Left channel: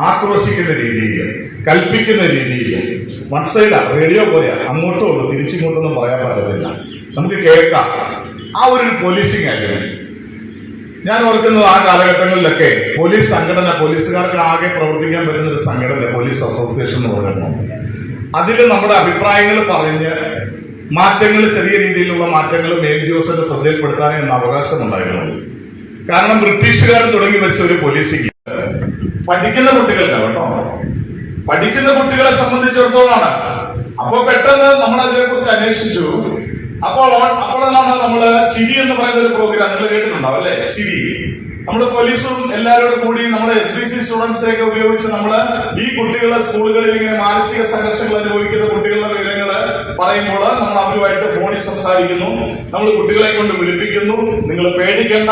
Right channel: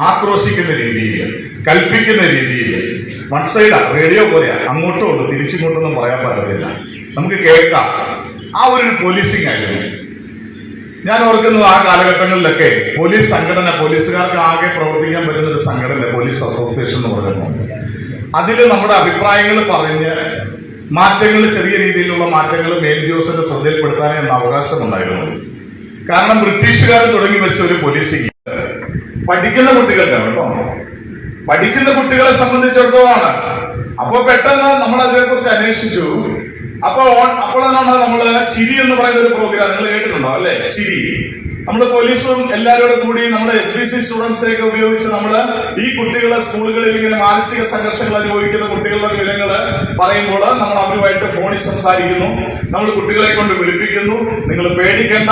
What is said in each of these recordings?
ആക്രോശിക്കുന്ന രീതിയിൽ, കൽപ്പിക്കുന്ന രീതിയിൽ, വൺ സൈഡാ, റേഡിയോ പോലെയാ, അങ്ങോട്ടും ഉള്ളു തിരിച്ചിങ്ങോട്ടൊന്നും പറയാൻ പറ്റത്തില്ല. നമുക്ക് കേൾക്കാം. ആ ഒരു പോലീസിങ് ആയിരുന്നു. ഞാൻ ഓർക്കുന്നത് ആ കാലഘട്ടങ്ങളിലൊക്കെ പോലീസ് സംഘടന, പോലീസുകാർക്ക് ആകെ പ്രവർത്തിക്കാൻ പറ്റുന്ന ഒരു സംഘടന പോലീസ് അസോസിയേഷൻ എന്ന് പറയുന്നത്. അതിൽ നമ്മുടെ അഭിപ്രായങ്ങൾ പറഞ്ഞ് മാറ്റങ്ങൾ, ചെറിയ രീതിയിലുള്ള മാറ്റങ്ങൾ മേലുദ്യോഗസ്ഥന്റെ ശ്രദ്ധയിൽപ്പെടുത്താൻ എന്ന അവകാശമുണ്ടായിരുന്നു. കാരണം ബ്രിട്ടീഷുകാർ തുടങ്ങി വെച്ച ഒരു പോലീസിങ് പഠിക്കുന്ന കുട്ടികളുടെ കേട്ടോ, പഠിക്കുന്ന കുട്ടികളെ സംബന്ധിച്ചിടത്തോളമാണ്. അപ്പൊ പെട്ടെന്ന് നമ്മൾ അതിനെക്കുറിച്ച് അന്വേഷിച്ചു. അപ്പോഴാണ് നമ്മള് ചിരി എന്ന് പറയുന്ന ഒരു പ്രോഗ്രാം നിങ്ങൾ കേട്ടിട്ടുണ്ടോ അല്ലെ? ചിരി നമ്മള് പോലീസും എല്ലാവരോടും കൂടി നമ്മുടെ SBC സ്റ്റുഡൻസിനെയൊക്കെ ഉപയോഗിച്ച് നമ്മള് ഈ കുട്ടികളെ സ്കൂളുകളിൽ ഇങ്ങനെ മാനസിക സംഘർഷങ്ങൾ അനുഭവിക്കുന്ന കുട്ടികളുടെ വിവരങ്ങള് പറയുമ്പോൾ നമ്മൾ അവരുമായിട്ട് ഫോണിൽ സംസാരിക്കുന്നു. നമ്മൾ കുട്ടികളെ കൊണ്ട് വിളിപ്പിക്കുന്നു. നിങ്ങൾ പേടിക്കേണ്ട,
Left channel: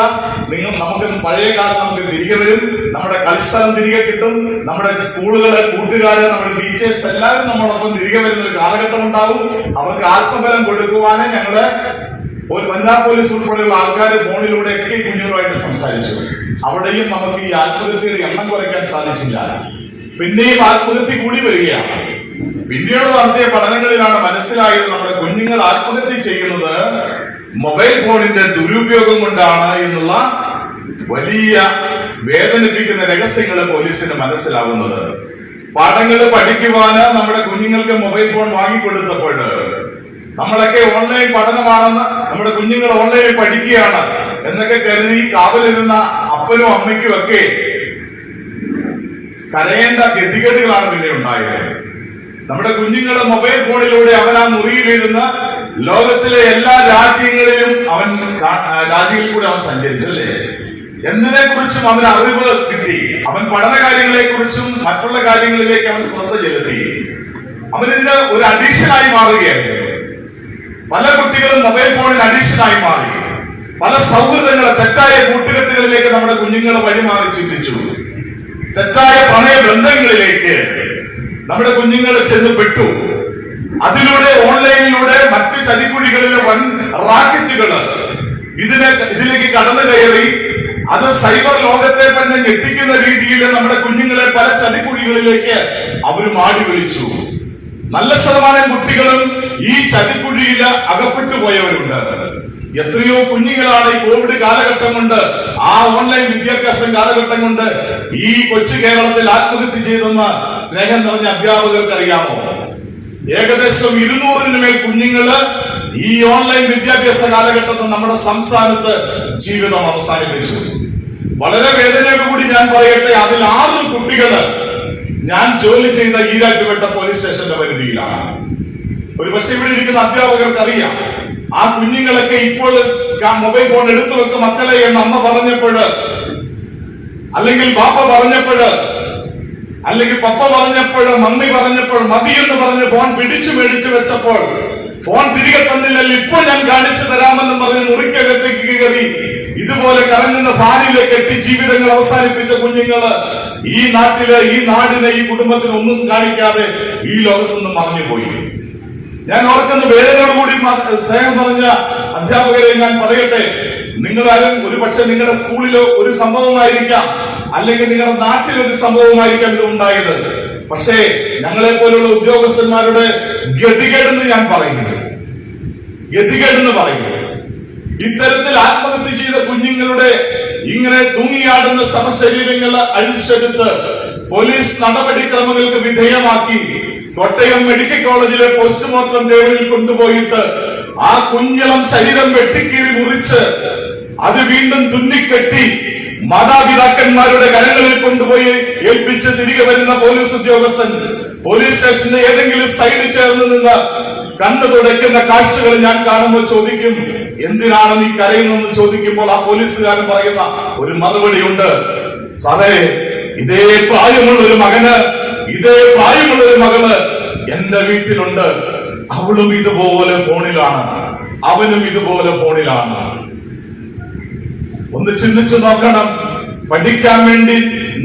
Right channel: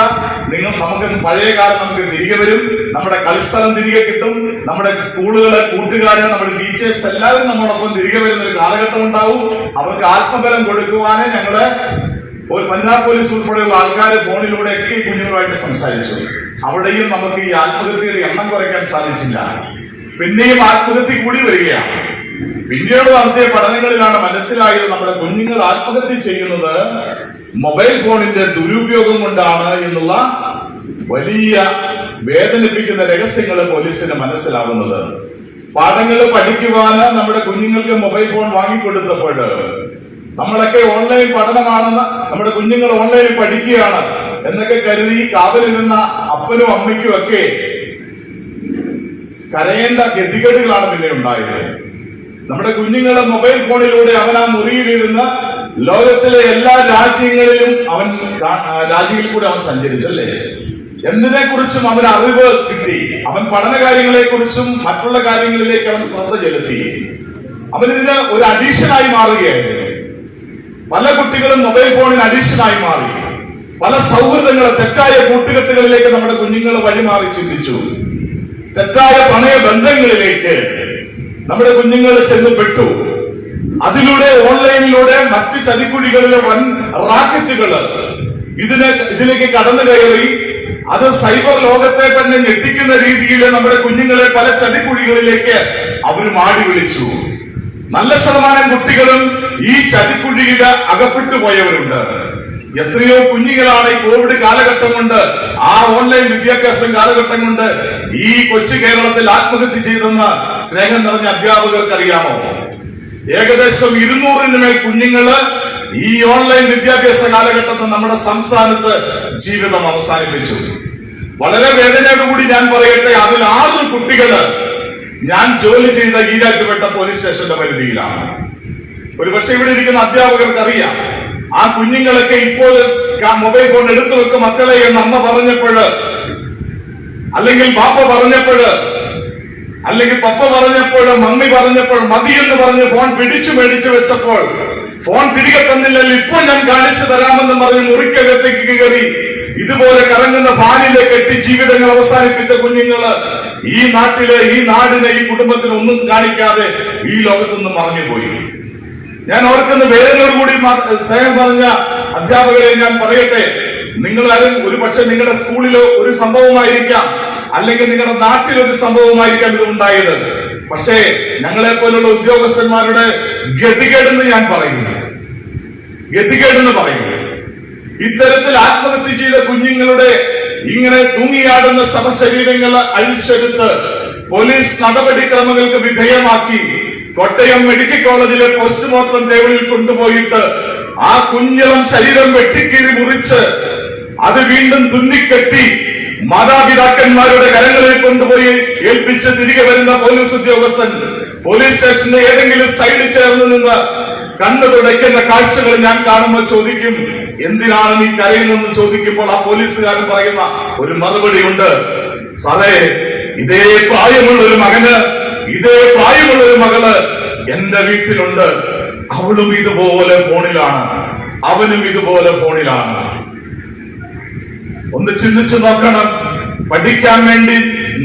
നമുക്ക് പഴയ കാലം നമുക്ക് തിരികെ വരും, നമ്മുടെ കളിസ്ഥലം തിരികെ കിട്ടും, നമ്മുടെ സ്കൂളുകളെ, കൂട്ടുകാര്, നമ്മുടെ ടീച്ചേഴ്സ് എല്ലാവരും നമ്മളൊപ്പം തിരികെ വരുന്ന ഒരു കാലഘട്ടം ഉണ്ടാവും. അവർക്ക് ആത്മബലം കൊടുക്കുവാനേ ഞങ്ങള് വനിതാ പോലീസ് ഉൾപ്പെടെയുള്ള ആൾക്കാർ ഫോണിലൂടെയൊക്കെ ഈ കുഞ്ഞുങ്ങളുമായിട്ട് സംസാരിച്ചു. അവിടെയും നമുക്ക് ഈ ആത്മഹത്യയുടെ എണ്ണം കുറയ്ക്കാൻ സാധിച്ചില്ല. പിന്നെയും ആത്മഹത്യ കൂടി വരികയാണ്. പിന്നീട് നടത്തിയ പഠനങ്ങളിലാണ് മനസ്സിലായത് നമ്മുടെ കുഞ്ഞുങ്ങൾ ആത്മഹത്യ ചെയ്യുന്നത് മൊബൈൽ ഫോണിന്റെ ദുരുപയോഗം കൊണ്ടാണ് എന്നുള്ള വലിയ വേദനിപ്പിക്കുന്ന രഹസ്യങ്ങൾ പോലീസിന് മനസ്സിലാവുന്നത്. പാഠങ്ങൾ പഠിക്കുവാന് നമ്മുടെ കുഞ്ഞുങ്ങൾക്ക് മൊബൈൽ ഫോൺ വാങ്ങിക്കൊടുത്തപ്പോൾ നമ്മളൊക്കെ ഓൺലൈൻ പഠനമാണെന്ന്, നമ്മുടെ കുഞ്ഞുങ്ങൾ ഓൺലൈനിൽ പഠിക്കുകയാണ് എന്നൊക്കെ കരുതി കാവലിരുന്ന അപ്പനും അമ്മയ്ക്കും ഒക്കെ കരയേണ്ട ഗതികേടുകളാണ് പിന്നെ ഉണ്ടായത്. നമ്മുടെ കുഞ്ഞുങ്ങളെ മൊബൈൽ ഫോണിലൂടെ അവൻ ആ മുറിയിലിരുന്ന് ലോകത്തിലെ എല്ലാ രാജ്യങ്ങളിലും രാജ്യങ്ങളിൽ കൂടെ അവൻ സഞ്ചരിച്ചല്ലേ. എന്തിനെ കുറിച്ചും അവന് അറിവ് കിട്ടി. അവൻ പഠന കാര്യങ്ങളെ കുറിച്ചും മറ്റുള്ള കാര്യങ്ങളിലേക്ക് അവൻ ശ്രദ്ധ ചെലുത്തി. അവനിതിന് ഒരു അഡീഷനായി മാറുകയായിരുന്നു. പല കുട്ടികളും മൊബൈൽ ഫോണിന് അഡീഷനായി മാറി. പല സൗഹൃദങ്ങളെ, തെറ്റായ കൂട്ടുകെട്ടുകളിലേക്ക് നമ്മുടെ കുഞ്ഞുങ്ങളെ വഴിമാറി ചിന്തിച്ചു. തെറ്റായ പ്രണയ ബന്ധങ്ങളിലേക്ക് നമ്മുടെ കുഞ്ഞുങ്ങൾ ചെന്ന് പെട്ടു. അതിലൂടെ ഓൺലൈനിലൂടെ മറ്റു ചതിക്കുഴികളിലെ വൻ റാക്കറ്റുകൾ ഇതിലേക്ക് കടന്നു കയറി അത് സൈബർ ലോകത്തെ തന്നെ ഞെട്ടിക്കുന്ന രീതിയിൽ നമ്മുടെ കുഞ്ഞുങ്ങളെ പല ചതിക്കുഴികളിലേക്ക് അവർ മാടി വിളിച്ചു. നല്ല ശതമാനം കുട്ടികളും ഈ ചതിക്കുഴിയിൽ അകപ്പെട്ടു പോയവരുണ്ട്. എത്രയോ കുഞ്ഞുങ്ങളാണ് ഈ കോവിഡ് കാലഘട്ടം കൊണ്ട്, ആ ഓൺലൈൻ വിദ്യാഭ്യാസം കാലഘട്ടം കൊണ്ട് ഈ കൊച്ചു കേരളത്തിൽ ആത്മഹത്യ ചെയ്തെന്ന് സ്നേഹം നിറഞ്ഞ അധ്യാപകർക്ക് അറിയാമോ? ഏകദേശം 200-ന് മേൽ കുഞ്ഞുങ്ങള് ഈ ഓൺലൈൻ വിദ്യാഭ്യാസ കാലഘട്ടത്തിൽ നമ്മുടെ സംസ്ഥാനത്ത് ജീവിതം അവസാനിപ്പിച്ചു. വളരെ വേദനയോടുകൂടി ഞാൻ പറയട്ടെ, അതിൽ 6 കുട്ടികള് ഞാൻ ജോലി ചെയ്ത ഈരാറ്റുപേട്ട പോലീസ് സ്റ്റേഷന്റെ പരിധിയിലാണ്. ഒരുപക്ഷെ ഇവിടെ ഇരിക്കുന്ന അധ്യാപകർക്ക് അറിയാം. ആ കുഞ്ഞുങ്ങളൊക്കെ ഇപ്പോൾ മൊബൈൽ ഫോൺ എടുത്തു വെക്കും മക്കളെ എന്ന് അമ്മ പറഞ്ഞപ്പോഴ്, അല്ലെങ്കിൽ ബാപ്പ പറഞ്ഞപ്പോഴ്, അല്ലെങ്കിൽ പപ്പ പറഞ്ഞപ്പോഴ്, മമ്മി പറഞ്ഞപ്പോൾ, മതിയെന്ന് പറഞ്ഞ് ഫോൺ പിടിച്ചു മേടിച്ചു വെച്ചപ്പോൾ ഫോൺ തിരികെ തന്നില്ലല്ലോ, ഇപ്പോൾ ഞാൻ കാണിച്ചു തരാമെന്ന് പറഞ്ഞ് മുറിക്കകത്തേക്ക് കയറി ഇതുപോലെ കറങ്ങുന്ന ഭാര്യയിലേക്ക് എത്തി ജീവിതങ്ങൾ അവസാനിപ്പിച്ച കുഞ്ഞുങ്ങള് ഈ നാട്ടിലെ, ഈ നാടിനെ, ഈ കുടുംബത്തിന് ഒന്നും കാണിക്കാതെ ഈ ലോകത്തുനിന്ന് മറഞ്ഞുപോയി. ഞാൻ ഓർക്കുന്ന വേദനയോടുകൂടി സ്നേഹം പറഞ്ഞ അധ്യാപകരെ ഞാൻ പറയട്ടെ, നിങ്ങളാരും ഒരു പക്ഷെ നിങ്ങളുടെ സ്കൂളിലോ ഒരു സംഭവമായിരിക്കാം, അല്ലെങ്കിൽ നിങ്ങളുടെ നാട്ടിലൊരു സംഭവമായിരിക്കാം ഇത് ഉണ്ടായത്. പക്ഷേ ഞങ്ങളെ പോലുള്ള ഉദ്യോഗസ്ഥന്മാരുടെ ഗതികേടെന്ന് ഞാൻ പറയുന്നു, ഗതികേടെന്ന് പറയുന്നു. ഇത്തരത്തിൽ ആത്മഹത്യ ചെയ്ത കുഞ്ഞുങ്ങളുടെ ഇങ്ങനെ തൂങ്ങിയാടുന്ന ശവശരീരങ്ങൾ അഴിച്ചെടുത്ത് പോലീസ് നടപടിക്രമങ്ങൾക്ക് വിധേയമാക്കി കോട്ടയം മെഡിക്കൽ കോളേജിലെ പോസ്റ്റ്മോർട്ടം ടേബിളിൽ കൊണ്ടുപോയിട്ട് ആ കുഞ്ഞിളം ശരീരം വെട്ടിക്കീറി മുറിച്ച് അത് വീണ്ടും തുന്നിക്കെട്ടി മാതാപിതാക്കന്മാരുടെ കരങ്ങളിൽ കൊണ്ടുപോയി ഏൽപ്പിച്ച് തിരികെ വരുന്ന പോലീസ് ഉദ്യോഗസ്ഥൻ പോലീസ് സ്റ്റേഷന്റെ ഏതെങ്കിലും സൈഡിൽ ചേർന്ന് നിന്ന് കണ്ണു തുടയ്ക്കുന്ന കാഴ്ചകൾ ഞാൻ കാണുമ്പോൾ ചോദിക്കും, എന്തിനാണ് നീ കരയുന്നതെന്ന് ചോദിക്കുമ്പോൾ ആ പോലീസുകാരൻ പറയുന്ന ഒരു മറുപടിയുണ്ട്, സാറേ, ഇതേ പ്രായമുള്ള ഒരു മകന്, ഇതേ പ്രായമുള്ള ഒരു മകള് എന്റെ വീട്ടിലുണ്ട്. അവളും ഇതുപോലെ ഫോണിലാണ്, അവനും ഇതുപോലെ ഫോണിലാണ്. ഒന്ന് ചിന്തിച്ചു നോക്കണം. പഠിക്കാൻ വേണ്ടി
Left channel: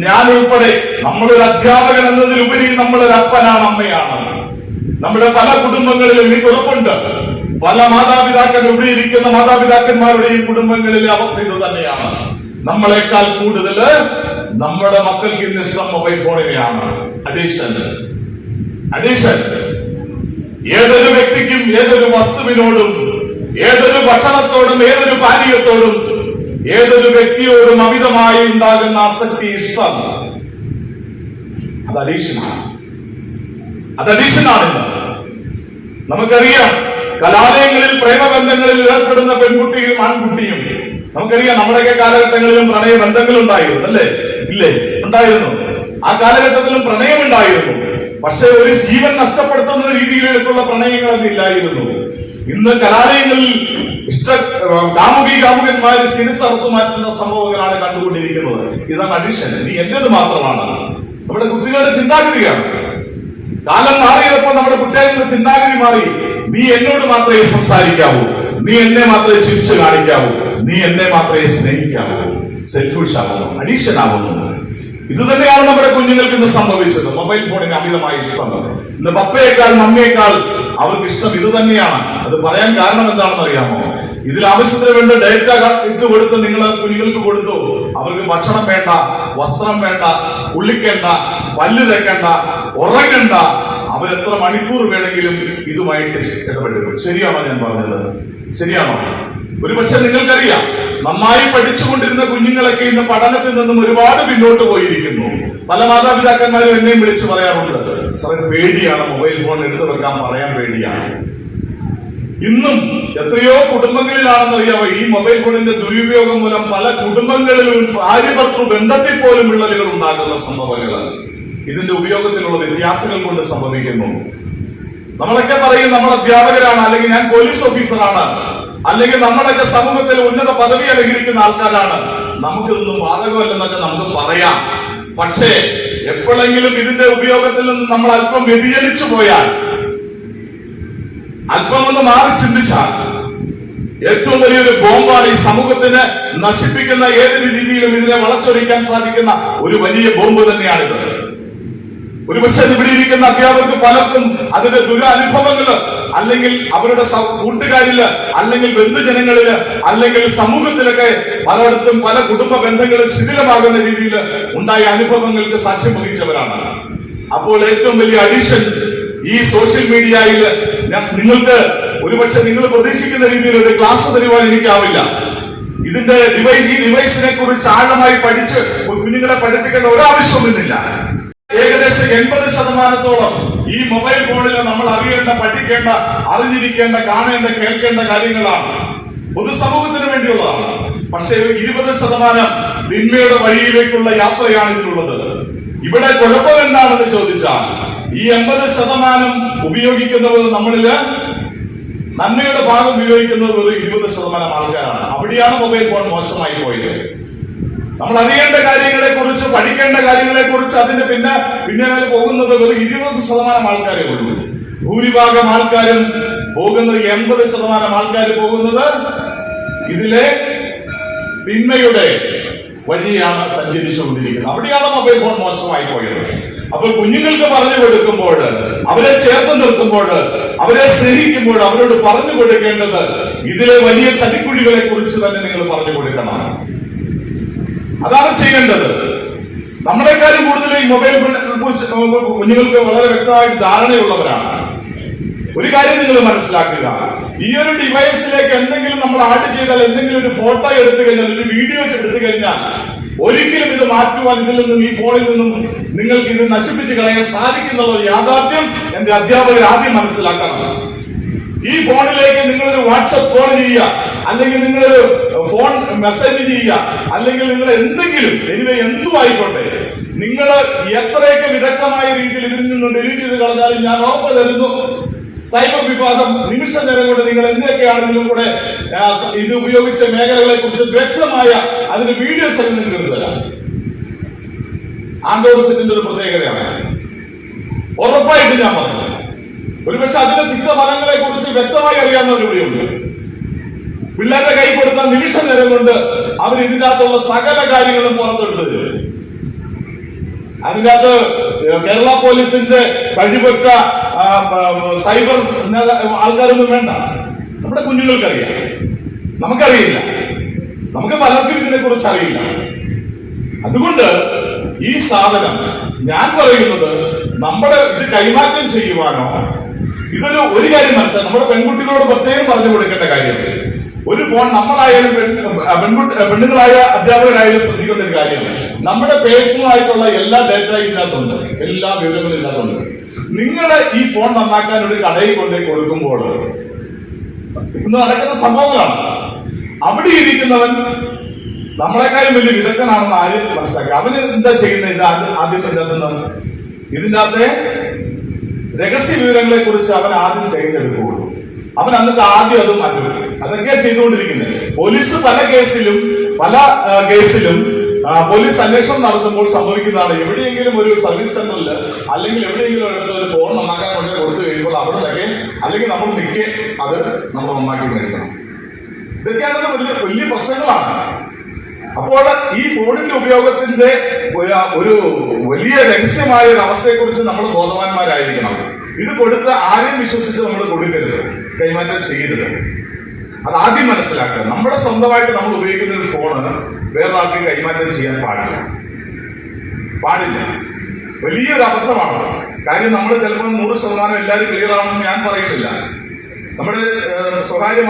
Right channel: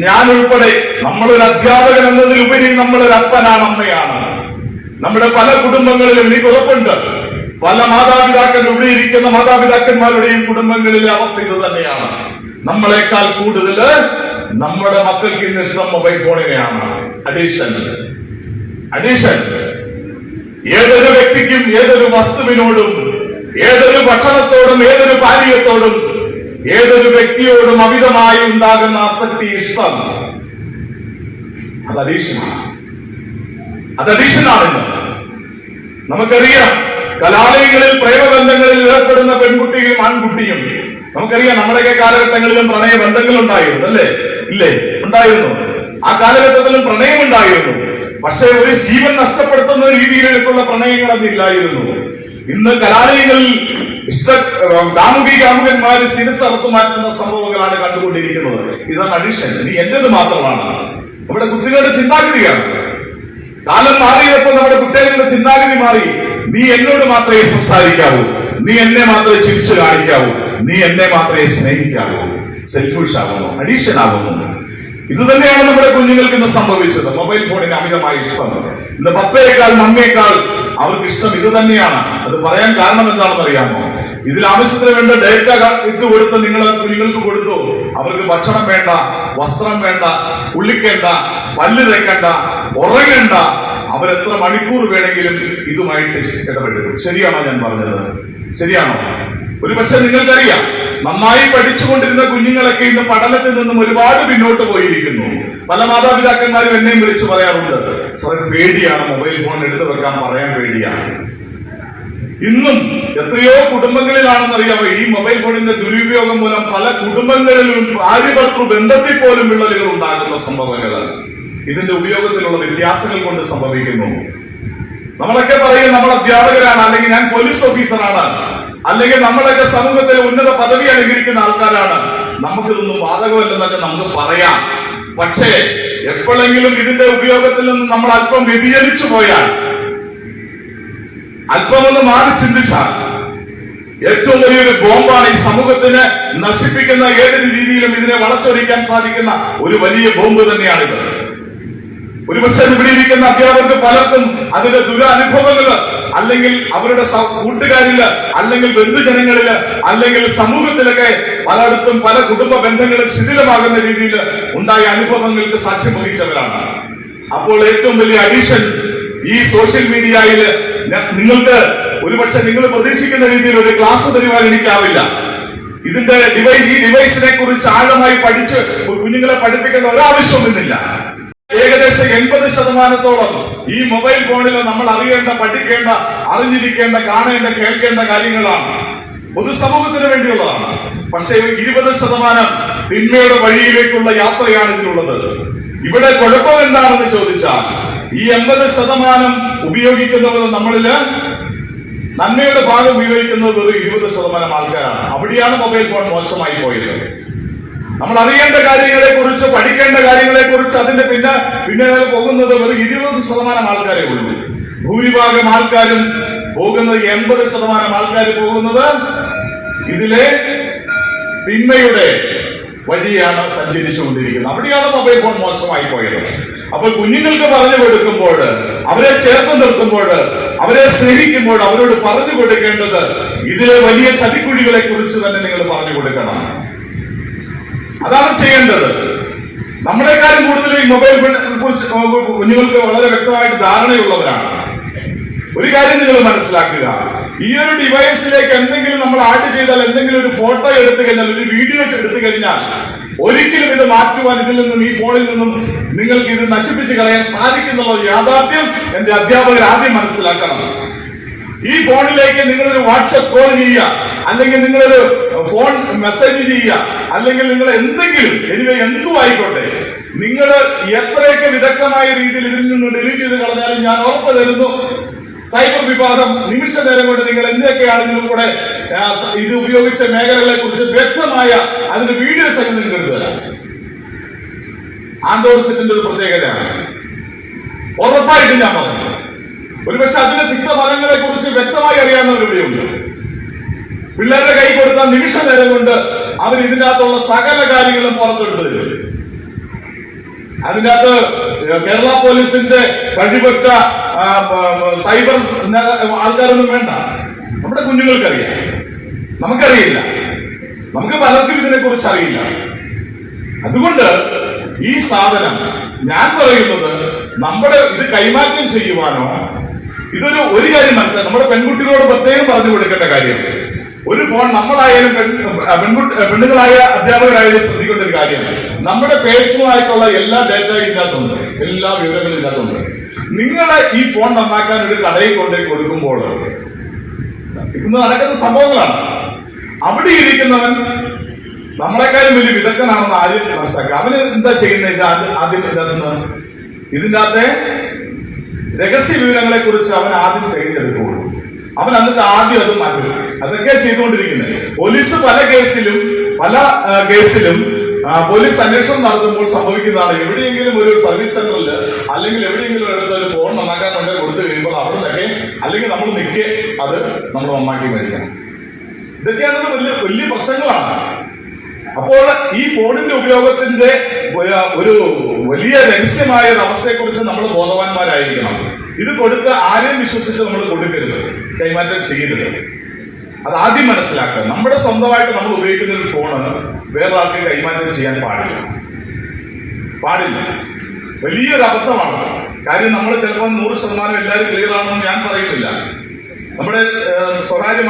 ഞാൻ ഉൾപ്പെടെ, നമ്മളൊരു അധ്യാപകൻ എന്നതിലുപരി നമ്മളൊരു അപ്പനാണ്, അമ്മയാണ്. നമ്മുടെ പല കുടുംബങ്ങളിലും എനിക്ക് ഉറപ്പുണ്ട്, പല മാതാപിതാക്കൾ, ഇവിടെ ഇരിക്കുന്ന മാതാപിതാക്കന്മാരുടെയും കുടുംബങ്ങളിലെ അവസ്ഥ ഇത് തന്നെയാണ്. നമ്മളെക്കാൾ കൂടുതൽ നമ്മുടെ മക്കൾക്ക് ഇന്ന് ഇഷ്ടം മൊബൈൽ ഫോണിനെയാണ്. അഡിഷൻ. ഏതൊരു വ്യക്തിക്കും, ഏതൊരു വസ്തുവിനോടും, ഏതൊരു ഭക്ഷണത്തോടും, ഏതൊരു പാനീയത്തോടും, ഏതൊരു വ്യക്തിയോടും അമിതമായി ഉണ്ടാകുന്ന ആസക്തി, ഇഷ്ടം, അത് അഡീഷനാണെന്ന് നമുക്കറിയാം. കലാലയങ്ങളിൽ പ്രേമബന്ധങ്ങളിൽ ഏർപ്പെടുന്ന പെൺകുട്ടിയും ആൺകുട്ടിയും, നമുക്കറിയാം നമ്മുടെയൊക്കെ കാലഘട്ടങ്ങളിലും പ്രണയബന്ധങ്ങൾ ഉണ്ടായിരുന്നു, അല്ലേ? ഇല്ലേ? ഉണ്ടായിരുന്നു. ആ കാലഘട്ടത്തിലും പ്രണയം ഉണ്ടായിരുന്നു. പക്ഷെ ഒരു ജീവൻ നഷ്ടപ്പെടുത്തുന്ന രീതിയിലേക്കുള്ള പ്രണയങ്ങൾ അതില്ലായിരുന്നു. ഇന്ന് കലാലയങ്ങളിൽ കാമുകന്മാര് ശിരസറുത്തു മാറ്റുന്ന സംഭവങ്ങളാണ് കണ്ടുകൊണ്ടിരിക്കുന്നത്. ഇതാണ് അഡിഷൻ. നീ എന്റേത് മാത്രമാണ്. നമ്മുടെ കുട്ടികളുടെ ചിന്താഗതിയാണ്. കാലം മാറിയപ്പോൾ നമ്മുടെ കുട്ടികളുടെ ചിന്താഗതി മാറി. നീ എന്നോട് മാത്രമേ സംസാരിക്കാവൂ, നീ എന്നെ മാത്രമേ ചിരിച്ചു കാണിക്കാവൂ, നീ എന്നെ മാത്രമേ സ്നേഹിക്കാവൂ. സെൽഫിഷ് ആവുന്നു, അഡീഷൻ ആവുന്നു. ഇത് തന്നെയാണ് നമ്മുടെ കുഞ്ഞുങ്ങൾക്ക് ഇന്ന് സംഭവിച്ചത്. മൊബൈൽ ഫോണിന് അമിതമായ ഇഷ്ടം. ഇന്ന് പപ്പയേക്കാൾ മമ്മിയേക്കാൾ അവർക്ക് ഇഷ്ടം ഇത് തന്നെയാണ്. അത് പറയാൻ കാരണം എന്താണെന്ന് അറിയാമോ? ഇതിൽ ആവശ്യത്തിന് വേണ്ട ഡേറ്റ ഇട്ട് കൊടുത്ത് നിങ്ങൾ കുഞ്ഞുങ്ങൾക്ക് കൊടുത്തു. അവർക്ക് ഭക്ഷണം വേണ്ട, വസ്ത്രം വേണ്ട, കുളിക്കേണ്ട, പല്ല് തേക്കണ്ട, ഉറങ്ങണ്ട. അവരെത്ര മണിക്കൂർ വേണമെങ്കിലും ഇതുമായിട്ട് ഇടപെടും. ശരിയാണോ ഞാൻ പറഞ്ഞത്? ശരിയാണോ? ഒരുപക്ഷെ നിങ്ങൾക്കറിയാം, നന്നായി പഠിച്ചുകൊണ്ടിരുന്ന കുഞ്ഞുങ്ങളൊക്കെ ഇന്ന് പഠനത്തിൽ നിന്നും ഒരുപാട് പിന്നോട്ട് പോയിരിക്കുന്നു. പല മാതാപിതാക്കന്മാരും എന്നെയും വിളിച്ചു പറയാറുണ്ട്, സാറേ പേടിയാണ്, മൊബൈൽ ഫോൺ എടുത്തു വെക്കാൻ പറയാൻ പേടിയാണ്. ഇന്നും എത്രയോ കുടുംബങ്ങളിലാണെന്നറിയാമോ ഈ മൊബൈൽ ഫോണിന്റെ ദുരുപയോഗം മൂലം പല കുടുംബങ്ങളിലും ഭാര്യ-ഭർതൃ ബന്ധത്തിൽ പോലും വിള്ളലുകൾ ഉണ്ടാക്കുന്ന സംഭവങ്ങൾ ഇതിന്റെ ഉപയോഗത്തിലുള്ള വ്യത്യാസങ്ങൾ കൊണ്ട് സംഭവിക്കുന്നു. നമ്മളൊക്കെ പറയും നമ്മൾ അധ്യാപകരാണ്, അല്ലെങ്കിൽ ഞാൻ പോലീസ് ഓഫീസറാണ്, അല്ലെങ്കിൽ നമ്മളൊക്കെ സമൂഹത്തിൽ ഉന്നത പദവി അലങ്കരിക്കുന്ന ആൾക്കാരാണ്, നമുക്കിതൊന്നും ബാധകമല്ലെന്നൊക്കെ നമുക്ക് പറയാം. പക്ഷേ എപ്പോഴെങ്കിലും ഇതിന്റെ ഉപയോഗത്തിൽ നിന്ന് നമ്മൾ അല്പം വ്യതിചലിച്ചു പോയാൽ, അല്പമൊന്ന് മാറി ചിന്തിച്ചാൽ, ഏറ്റവും വലിയൊരു ബോംബാണ് ഈ സമൂഹത്തിന് നശിപ്പിക്കുന്ന ഏതൊരു രീതിയിലും ഇതിനെ വളച്ചൊടിക്കാൻ സാധിക്കുന്ന ഒരു വലിയ ബോംബ് തന്നെയാണിത്. ഒരുപക്ഷെ ഇവിടെ ഇരിക്കുന്ന അധ്യാപകർക്ക് പലർക്കും അതിന്റെ ദുരനുഭവങ്ങള്, അല്ലെങ്കിൽ അവരുടെ കൂട്ടുകാരില്, അല്ലെങ്കിൽ ബന്ധുജനങ്ങളില്, അല്ലെങ്കിൽ സമൂഹത്തിലൊക്കെ പലയിടത്തും പല കുടുംബ ബന്ധങ്ങളും ശിഥിലമാകുന്ന രീതിയിൽ ഉണ്ടായ അനുഭവങ്ങൾക്ക് സാക്ഷ്യം വഹിച്ചവരാണ്. അപ്പോൾ ഏറ്റവും വലിയ അഡീഷൻ ഈ സോഷ്യൽ മീഡിയയില് നിങ്ങൾക്ക് ഒരുപക്ഷെ നിങ്ങൾ പ്രതീക്ഷിക്കുന്ന രീതിയിൽ ഒരു ക്ലാസ് തരുവാൻ എനിക്കാവില്ല. ഇതിന്റെ ഈ ഡിവൈസിനെ കുറിച്ച് ആഴമായി പഠിച്ച് കുഞ്ഞുങ്ങളെ പഠിപ്പിക്കേണ്ട ഒരാവശ്യവുമില്ല. ഏകദേശം 80% ഈ മൊബൈൽ ഫോണിൽ നമ്മൾ അറിയേണ്ട, പഠിക്കേണ്ട, അറിഞ്ഞിരിക്കേണ്ട, കാണേണ്ട, കേൾക്കേണ്ട കാര്യങ്ങളാണ്. പൊതുസമൂഹത്തിന് വേണ്ടിയുള്ളതാണ്. പക്ഷേ 20% തിന്മയുടെ വഴിയിലേക്കുള്ള യാത്രയാണ് ഇതിലുള്ളത്. ഇവിടെ കുഴപ്പം എന്താണെന്ന് ചോദിച്ചാൽ, ഈ 80% ഉപയോഗിക്കുന്നവർ നമ്മളില് നന്മയുടെ ഭാഗം ഉപയോഗിക്കുന്നത് 20% ആൾക്കാരാണ്. അവിടെയാണ് മൊബൈൽ ഫോൺ മോശമായി പോയത്. നമ്മൾ അറിയേണ്ട കാര്യങ്ങളെ കുറിച്ച്, പഠിക്കേണ്ട കാര്യങ്ങളെ കുറിച്ച് അതിന്റെ പിന്നെ പോകുന്നത് വെറും 20% ആൾക്കാരെ ഉള്ളൂ. ഭൂരിഭാഗം ആൾക്കാരും പോകുന്നത്, 80% ആൾക്കാർ പോകുന്നത് ഇതിലെ തിന്മയുടെ വഴിയാണ് സഞ്ചരിച്ചുകൊണ്ടിരിക്കുന്നത്. അവിടെയാണ് മൊബൈൽ ഫോൺ മോശമായി പോയത്. അപ്പോൾ കുഞ്ഞുങ്ങൾക്ക് പറഞ്ഞു കൊടുക്കുമ്പോൾ, അവരെ ചേർത്ത് നിർത്തുമ്പോൾ, അവരെ സ്നേഹിക്കുമ്പോൾ അവരോട് പറഞ്ഞു കൊടുക്കേണ്ടത് ഇതിലെ വലിയ ചതിക്കുഴികളെ കുറിച്ച് തന്നെ നിങ്ങൾ പറഞ്ഞു കൊടുക്കണം. അതാണ് ചെയ്യേണ്ടത്. നമ്മളെക്കാളും കൂടുതൽ ഈ മൊബൈൽ കുറിച്ച് കുഞ്ഞുങ്ങൾക്ക് വളരെ വ്യക്തമായിട്ട് ധാരണയുള്ളവരാണ്. ഒരു കാര്യം നിങ്ങൾ മനസ്സിലാക്കുക, ഈ ഒരു ഡിവൈസിലേക്ക് എന്തെങ്കിലും നമ്മൾ ആഡ് ചെയ്താൽ, എന്തെങ്കിലും ഒരു ഫോട്ടോ എടുത്തു കഴിഞ്ഞാൽ, ഒരു വീഡിയോ എടുത്തു കഴിഞ്ഞാൽ ഒരിക്കലും ഇത് മാറ്റുവാൻ, ഇതിൽ നിന്നും, ഈ ഫോണിൽ നിന്നും നിങ്ങൾക്ക് ഇത് നശിപ്പിച്ച് കളയാൻ സാധിക്കുന്നുള്ള യാഥാർത്ഥ്യം എന്റെ അധ്യാപകർ ആദ്യം മനസ്സിലാക്കണം. ഈ ഫോണിലേക്ക് നിങ്ങളൊരു വാട്സപ്പ് കോൾ ചെയ്യുക, അല്ലെങ്കിൽ നിങ്ങളൊരു ഫോൺ മെസ്സേജ് ചെയ്യുക, അല്ലെങ്കിൽ നിങ്ങൾ എന്തെങ്കിലും എന്തും ആയിക്കോട്ടെ, നിങ്ങൾ എത്രയൊക്കെ വിദഗ്ധമായ രീതിയിൽ ഇതിൽ നിന്ന് ഡിലീറ്റ് ചെയ്ത് കളഞ്ഞാലും ഞാൻ ഉറപ്പ് തരുന്നു, സൈബർ വിഭാഗം നിമിഷ നേരം കൊണ്ട് നിങ്ങൾ എന്തൊക്കെയാണ് ഇതിലും കൂടെ ഇത് ഉപയോഗിച്ച മേഖലകളെ കുറിച്ച് വ്യക്തമായ അതിന്റെ വീഡിയോ സഹിതം നിങ്ങൾക്ക് എടുത്തുതരാം. ആൻഡ്രോയിഡ് സെറ്റിന്റെ ഒരു പ്രത്യേകതയാണ്, ഉറപ്പായിട്ട് ഞാൻ പറഞ്ഞു. ഒരുപക്ഷെ അതിന്റെ തിക്തഫലങ്ങളെ കുറിച്ച് വ്യക്തമായി അറിയാവുന്നവരുണ്ട്. പിള്ളേരുടെ കൈ കൊടുത്ത നിമിഷ നേരം കൊണ്ട് അവർ ഇതിന്റെ അകത്തുള്ള സകല കാര്യങ്ങളും പുറത്തെടുത്തു തരും. അതിന്റെ അകത്ത് കേരള പോലീസിന്റെ കഴിവൊക്കെ സൈബർ ആൾക്കാരൊന്നും വേണ്ട. നമ്മുടെ കുഞ്ഞുങ്ങൾക്കറിയാം, നമുക്കറിയില്ല. നമുക്ക് പലർക്കും ഇതിനെ കുറിച്ച് അറിയില്ല. അതുകൊണ്ട് ഈ സാധനം ഞാൻ പറയുന്നത് നമ്മുടെ ഇത് കൈമാറ്റം ചെയ്യുവാനോ, ഒരു കാര്യം മനസ്സിലായി, നമ്മുടെ പെൺകുട്ടികളോട് പ്രത്യേകം പറഞ്ഞു കൊടുക്കേണ്ട കാര്യം, ഒരു ഫോൺ നമ്മളായാലും പെണ്ണുങ്ങളായ അധ്യാപകരായാലും ശ്രദ്ധിക്കേണ്ട ഒരു കാര്യമാണ്. നമ്മുടെ പേഴ്സണൽ ആയിട്ടുള്ള എല്ലാ ഡേറ്റയും ഇതിനകത്തുണ്ട്, എല്ലാ വിവരങ്ങളും ഇതിനകത്തുണ്ട്. നിങ്ങൾ ഈ ഫോൺ നന്നാക്കാൻ ഒരു കടയിൽ കൊണ്ടേ കൊടുക്കുമ്പോൾ ഇന്ന് നടക്കുന്ന സംഭവങ്ങളാണ്. അവിടെ ഇരിക്കുന്നവൻ നമ്മളെക്കാളും വലിയ വിദഗ്ധനാണെന്ന് ആരും മനസ്സിലാക്കുക. അവന് എന്താ ചെയ്യുന്നത്? ആദ്യം ഇതിൻ്റെ അകത്തെ രഹസ്യ വിവരങ്ങളെ കുറിച്ച് അവൻ ആദ്യം തിരഞ്ഞെടുക്കുകയുള്ളൂ. അവൻ എന്നിട്ട് ആദ്യം അത് മാറ്റും. അതൊക്കെയാണ് ചെയ്തുകൊണ്ടിരിക്കുന്നത്. പോലീസ് പല കേസിലും പോലീസ് അന്വേഷണം നടത്തുമ്പോൾ സംഭവിക്കുന്നതാണ്. എവിടെയെങ്കിലും ഒരു സർവീസ് സെന്ററിൽ അല്ലെങ്കിൽ എവിടെയെങ്കിലും ഒരു ഫോൺ നന്നാക്കാൻ കൊണ്ട് കൊടുത്തു കഴിയുമ്പോൾ അവിടെ നിന്നൊക്കെ അല്ലെങ്കിൽ നമ്മൾ നിൽക്കെ അത് നമ്മൾ നന്നാക്കി മേടിക്കണം. ഇതൊക്കെയാണത് വലിയ പ്രശ്നങ്ങളാണ്. അപ്പോൾ ഈ ഫോണിന്റെ ഉപയോഗത്തിന്റെ ഒരു വലിയ രഹസ്യമായ ഒരു അവസ്ഥയെക്കുറിച്ച് നമ്മൾ ബോധവാന്മാരായിരിക്കണം. ഇത് കൊടുത്ത് ആരെയും വിശ്വസിച്ച് നമ്മൾ കൊടുക്കരുത്, കൈമാറ്റം ചെയ്യരുത്. അത് ആദ്യം മനസ്സിലാക്കുക. നമ്മുടെ സ്വന്തമായിട്ട് നമ്മൾ ഉപയോഗിക്കുന്ന ഒരു ഫോണ് വേറൊരാൾക്ക് കൈമാറ്റം ചെയ്യാൻ പാടില്ല. വലിയൊരു അബദ്ധമാണ്. കാര്യം നമ്മൾ ചിലപ്പോൾ 100% എല്ലാവരും ക്ലിയർ ആണെന്ന് ഞാൻ പറയുന്നില്ല. നമ്മുടെ സ്വകാര്യ